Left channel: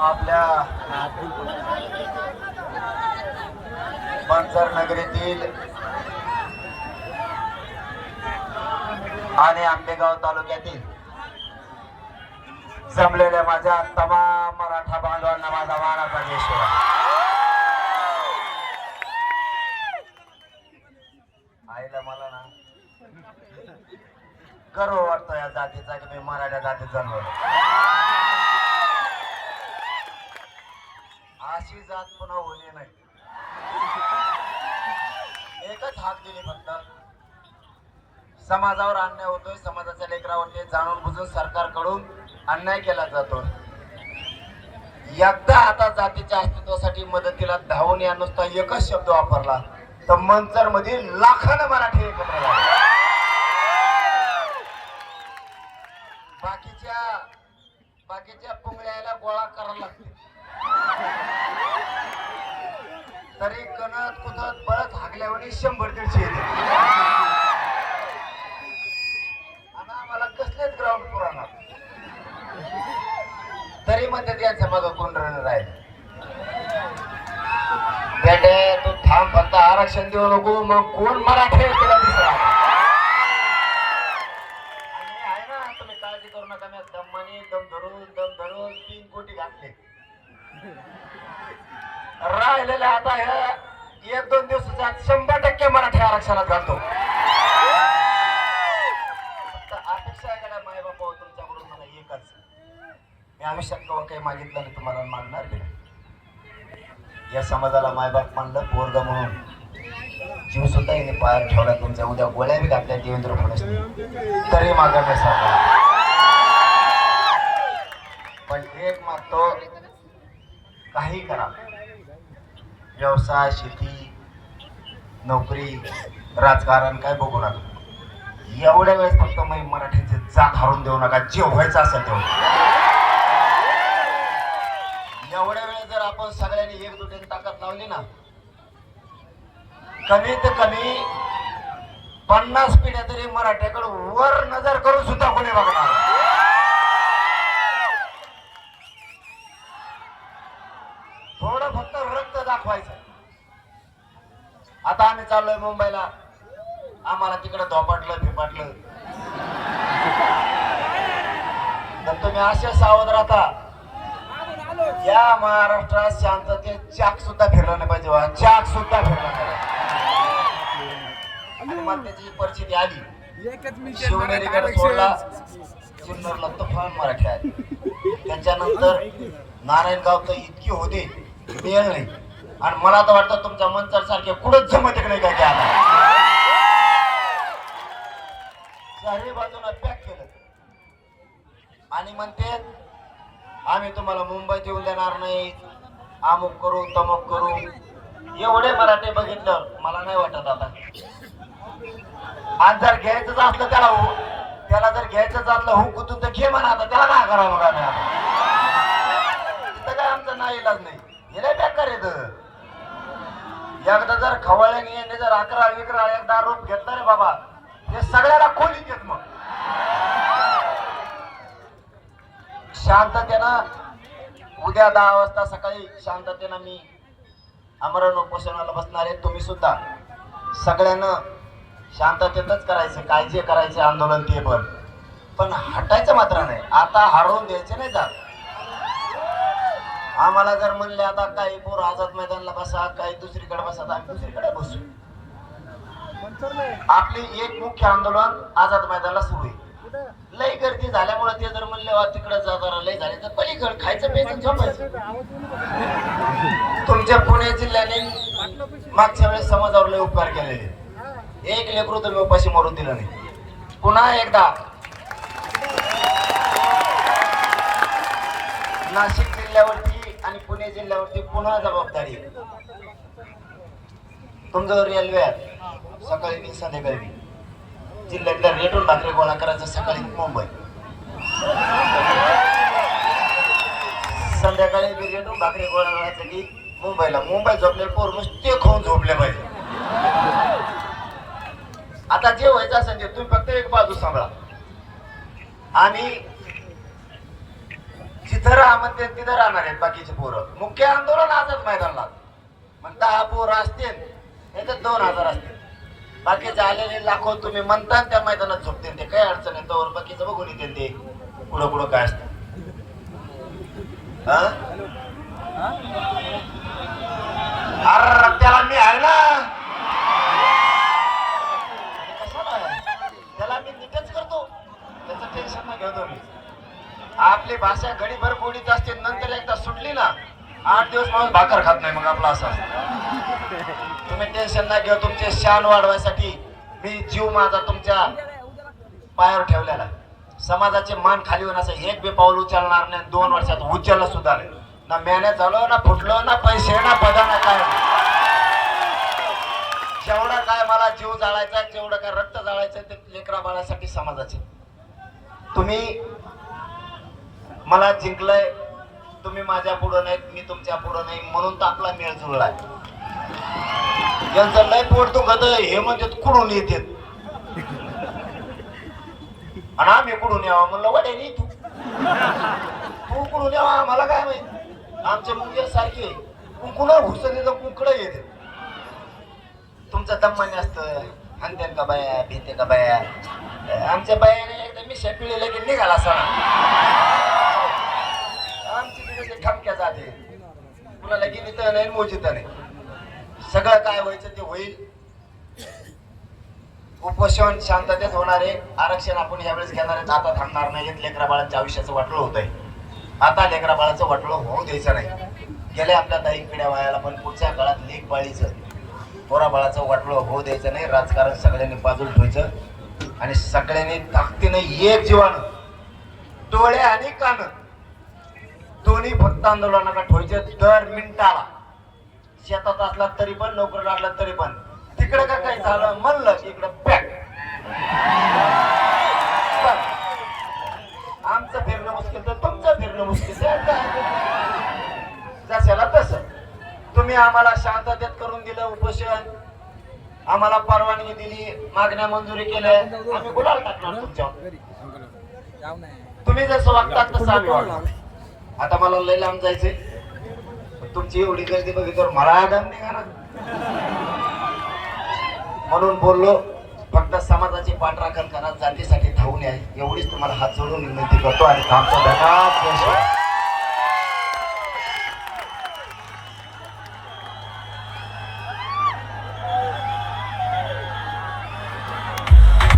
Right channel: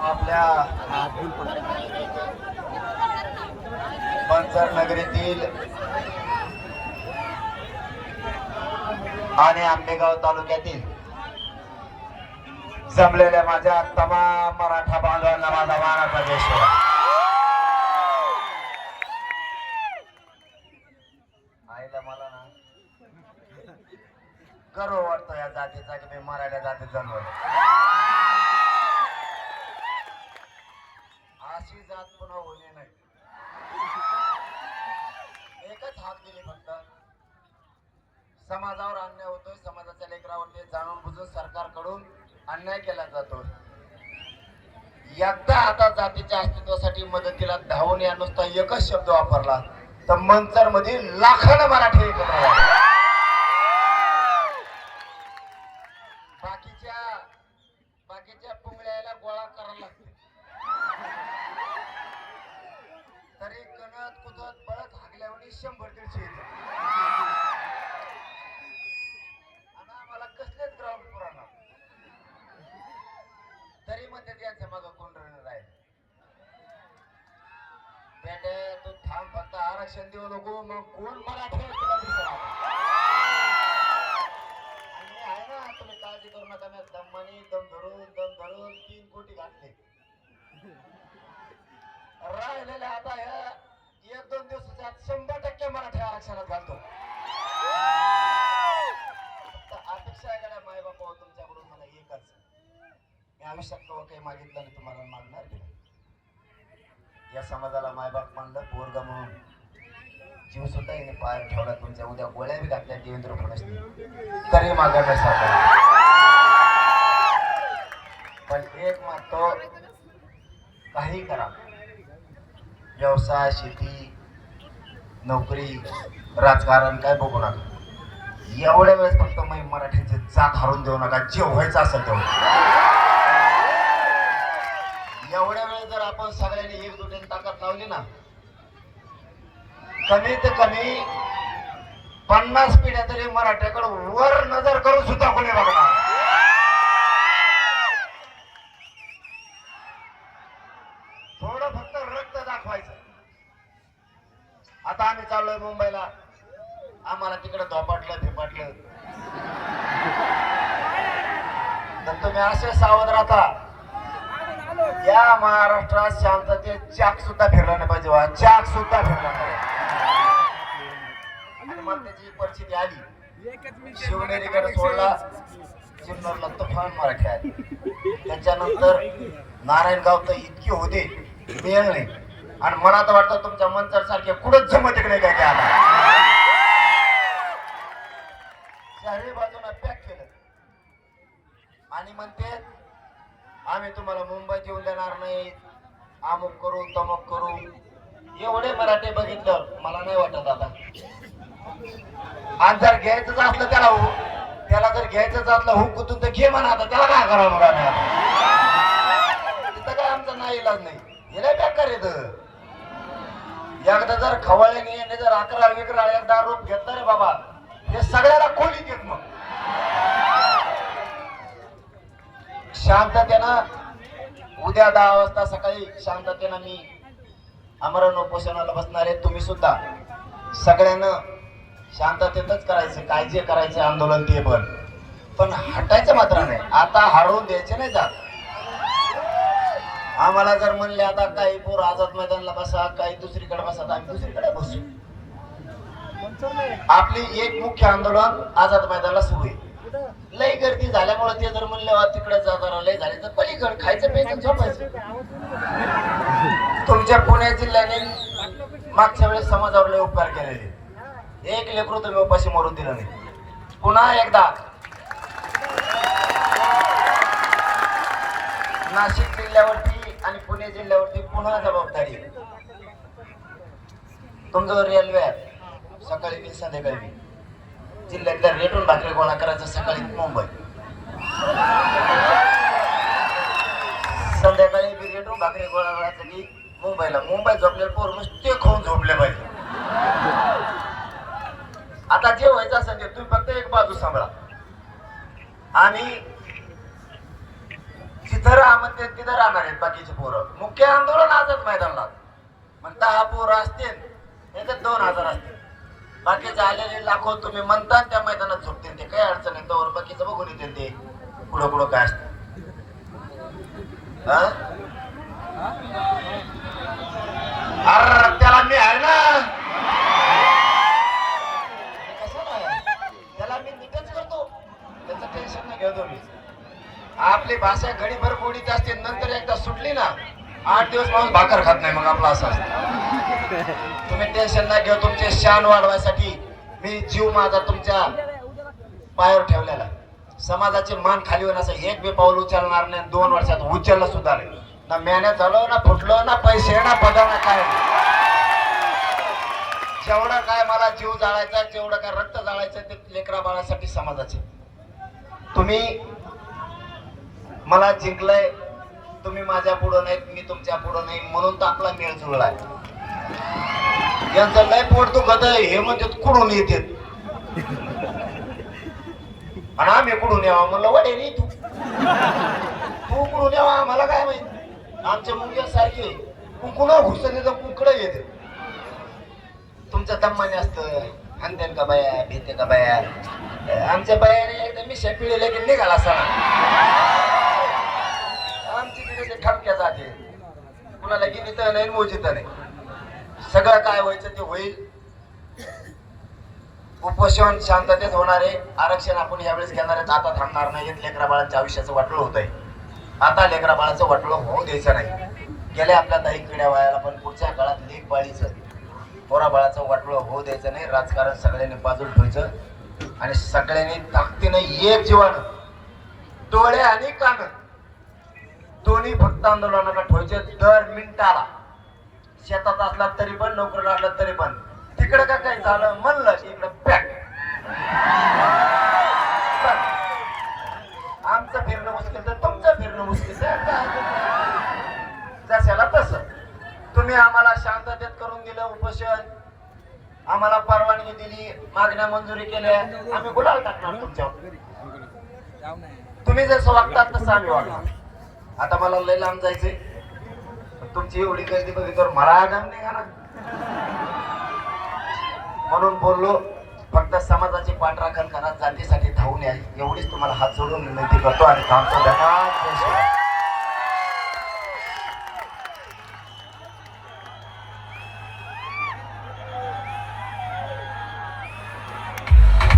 आपल्या बंजर नगरीतील आणि आंबेगाव तालुक्यातील जमलेल्या माझ्या तमाम मराठा बांधवांना माझा मानाचा देश आईला मला ना गर्व वाटतो या जातीचा की मी मराठा जातीत जन्मलो अशी जात पुन्हा होणे नाही. एकच हात दिली फक्त. समाजावर अन्याय होतोय समाजाच्या लेकरावरती जाणून बुजून सरकारकडून अन्याय केला जातो. एकदा आता जातीच्या अस्तित्वासाठी मदतीला धावून या नुसता एकच शब्द वापरला तर मंचरमध्ये लाखानं मराठी एकत्र झाले. बाकीच्या बाकीच्या बळत शंभर दीडशे येते. आणि आम्हाला कसलेच ग्राउंड पुराणार तरी म्हणते त्यांच्या मग कोण रनर आहे? बेटे तू थांब फक्त आरक्षण देऊ नको. मग कोण मराठी आहे तुला दिसला आहे ना तुम्ही काळजी करू नका. मी दमनी दम धरून दम धरून तीन कोटी घातले. राहिलेले आता ह्या एक दोन दिवसाच्या शंभर टक्के मराठी आरक्षणात घालतो. फक्त अपेक्षा आहे का माय बापा हो, तुमच्याकडून मला एकच. मी आयुष्यात केव्हा काही मागितलं नाही तुम्हाला मागणार बी नाही. या समाजाला मायबाप मानलं पोरग म्हणून. जीव सुद्धा येणे पायात ठेवला तुमच्या उद्या गोळ्या बी घातल्या देवेंद्र फडणवीस. तरी मागणार सापडला पण एक मागतो काही करा. व्यवसाय शेती नोकरी राजकारण काय बघू नका. एवढ्या वेळेस फक्त मी मराठीची जात हरून देऊ नका. जे व्हायचं असेल तेवढं एवढ्या वेळेस जर आपण सगळ्यांनी एक दुसऱ्याने ताकद लावली ना कमीत कमी पन्नास पिढ्या तरी मराठ्याकडे वर नजर करून सुद्धा कोणी बघणार थोडं फक्त रक्त दाखवायचं आता आम्ही चाललोय मुंबईला. आम्हाला तिकडे धोपाटलं फिपाटलं तर तुम्ही असे सावध राहता. या महाराष्ट्रात शांततेत चाक सुद्धा फिरला नाही पाहिजे. चाक सुद्धा फिरला नाही. आणि मग त्याची परिस्थिती आली. शिवनेरीकडे सोडला. जुन्नरला तुफान मराठी आहे त्याच्यानंतर नारायणगाव तर इतके होते मिळेल नाही. आणि मला तर वाटतं तुमच्या मंचर सारखे कुठंच जमत नाही काय काय आला चारही बाजूला पॅक केलं. आणि म्हणते आम्ही तुम्हाला मुंबईत येऊ देणार नाही. अमुक करू तमुक करू. एवढे मराठी बघितलं मला नाही वाटत आता. आणि जर घ्यायचंच असलं त्याला हो त्याला जर घ्यायचंच असलं हो, हुक तुमचं तर घे म्हणा आता. त्याला काय करावं मग तिथं काय आमचा नाही. इलाज नाही हे पॅक करायचं एकदा जर खवळ्याने यांनी जर अकरा विकरा एकदा रूप घेतला रे बाबा हे सगळ्याला खोली देत मग. शांततेनं उद्या दहा वाजता सकाळी शांततेनं मी अमरण उपोषणाला बसणार आहे तुम्ही सुद्धा. सगळ्यांना शांततेतच करायचं काय जे करायचं आंदोलन ते पण. पण हटायचं मात्र नाही. आता हरवून द्यायचे नाही जात. आम्हाला जर म्हणले आता काही पोर आझाद मैदानला बसा काही दुसरीकडे बसा तर आम्ही दुसरीकडे बसू. आपली एक मुख्य आंदोलन आझाद मैदानाला सुरू आहे. लय गर्दी झाल्यामुळे ते जर म्हणले तिकडे जा जरा लय झाले. तर पलीकड खायचं प्यायचं झोपायचं. तुमच्या पुणे जिल्ह्याने मागच्या वेळेस समाजावर लय उपकार केलेले. एक लेकरू तुम्ही उपाशी मरून दिलं नाही. पुन्हा एकदा. नाशिक जिल्ह्यावरती पुणे जिल्ह्यावरती पुन्हा जबाबदारी आहे. तुमचं रेल्वे आहे. सकाळी मी संध्याकाळी जिल्ह्यातल्या रेटून भाकरी गोळा करायचं सकाळी मुंबई. संध्याकाळी मी रेटून भाकरी गोळा करायचं की मुंबईला. मुंबई झोपले पोर नुसते खाऊन झोपले पाहिजे. आता जे व्हायचं असेल ते तुम्ही फक्त एक बाजू सांभाळा. आणि म्हणते तिथं राहणार आहेत बाकीचे पोरं. मुख्य आंदोलन आजच मैदानाला. म्हणता हा पोरं असतील याच्यात दोन हजार असतील. बाकीचे आलेले लाखो तुम्ही म्हणता त्या मैदानात झोपतील ते. काही अडचण आहे तोवर बाकीचं बघून येते ते. पुढं पुढं काय असतं. अरे त्याला मी आहे ना? त्याला मी नीटच करतो. त्याचं टेन्शन नाही घेतो मी आपली भाषा घडीभर बोडीत असते नंतर एकदा सुटली ना आठ दिवस माणूस भाकर खात नाही मग आपला असं असतं. तुम्ही टेन्शन ना घेऊ तुमचे शान वाढवायसाठी मी जीव माझा तुमच्या पायावर ठेवलेला आहे. समाजाचे मान खाली होऊन असं एक बी पाऊल उचलणार नाही दोन वर्षात उचललं सुद्धा नाही. ना मेहनत झालो ना फुटलो ना पैसे ना पदा ना काय. जेवढा काय मला जीव जाळायचा जेवढं काय रक्त जाळायचं ते लेकरा बाळासाठी समाजाचे. तुम्ही मला जिंकलंय तुम्ही माझ्या पुढं नाहीत मी तुमच्या पुढं नाही म्हणून तर आपला मेळ जुळलाय यांचं लय पोट दुखत हे म्हणजे कुडून येते? आणि आम्ही कुठून यावा? म्हणलं वडे रे तू. तू कुठून यावा? मला काय माहीत? आमच्या मुंग्या सारखे कुणा घुसले तर कुकडं येते. तुमचं दम्माने जास्त हानतेन का बाया? भेटे का बाया? आमच्या बायाने एकदा मी शेपिळीला की निघाला सणा राहते ठमक्या जाते कुणाला नाही मोजित नाही. सगळं काय व्हायचं ते होईल. उपोषण शांततेत होणार आहे. आरक्षण आपण यावेळेस घेणार आहेत. आता थांबणार नाही. लेकरा बाळाच्या आयुष्याचं वाटलं होत आहे आता लेकरा बाळाचं वाटलं होऊ द्यायचं नाही. गेल्या आपल्या दाई पिढ्या वयाला पण पुढच्या काळात लेख बाळीचं पोरा बाळाचं वाटलं होऊ द्यायचं नाही. राजकारण सगळ्यांनी बाजूला ठेवायचं. आणि सगळ्यांनी ताकदीनं एक जीवानं डोळे आणि कान दोन्ही फक्त आंदोलनाला ठेवायचे दर मिनिटाला. शेतात असला तरी पण नोकरी लागला तरी पण. तिकडे का काही झालं? म्हणलं की इकडे पॅक. आमचं फिरणं मुश्किल तर तुमचं फिरणं मुश्किल जशाला तसं. तुम्ही आम्हाला शांततेत करून दिलं उपोषण. आम्हाला परवानगी दिली मागण्या मंजुरी केल्या. आम्ही गुलाल टाकणार तुमच्यावर. तुम्ही जसं वागतात तसं आम्ही वागणार. आता मला लय लांब जायचंय. पण तुमची एवढी गर्दी बघितल्यावर मला आगाम निघाला म्हणून बोललो फक्त समाजाची पाठराखण करा जातीसाठी धावून या. एवढीच तुम्हाला हात जोडून विनंती करतो आणि थांबतो. धन्यवाद.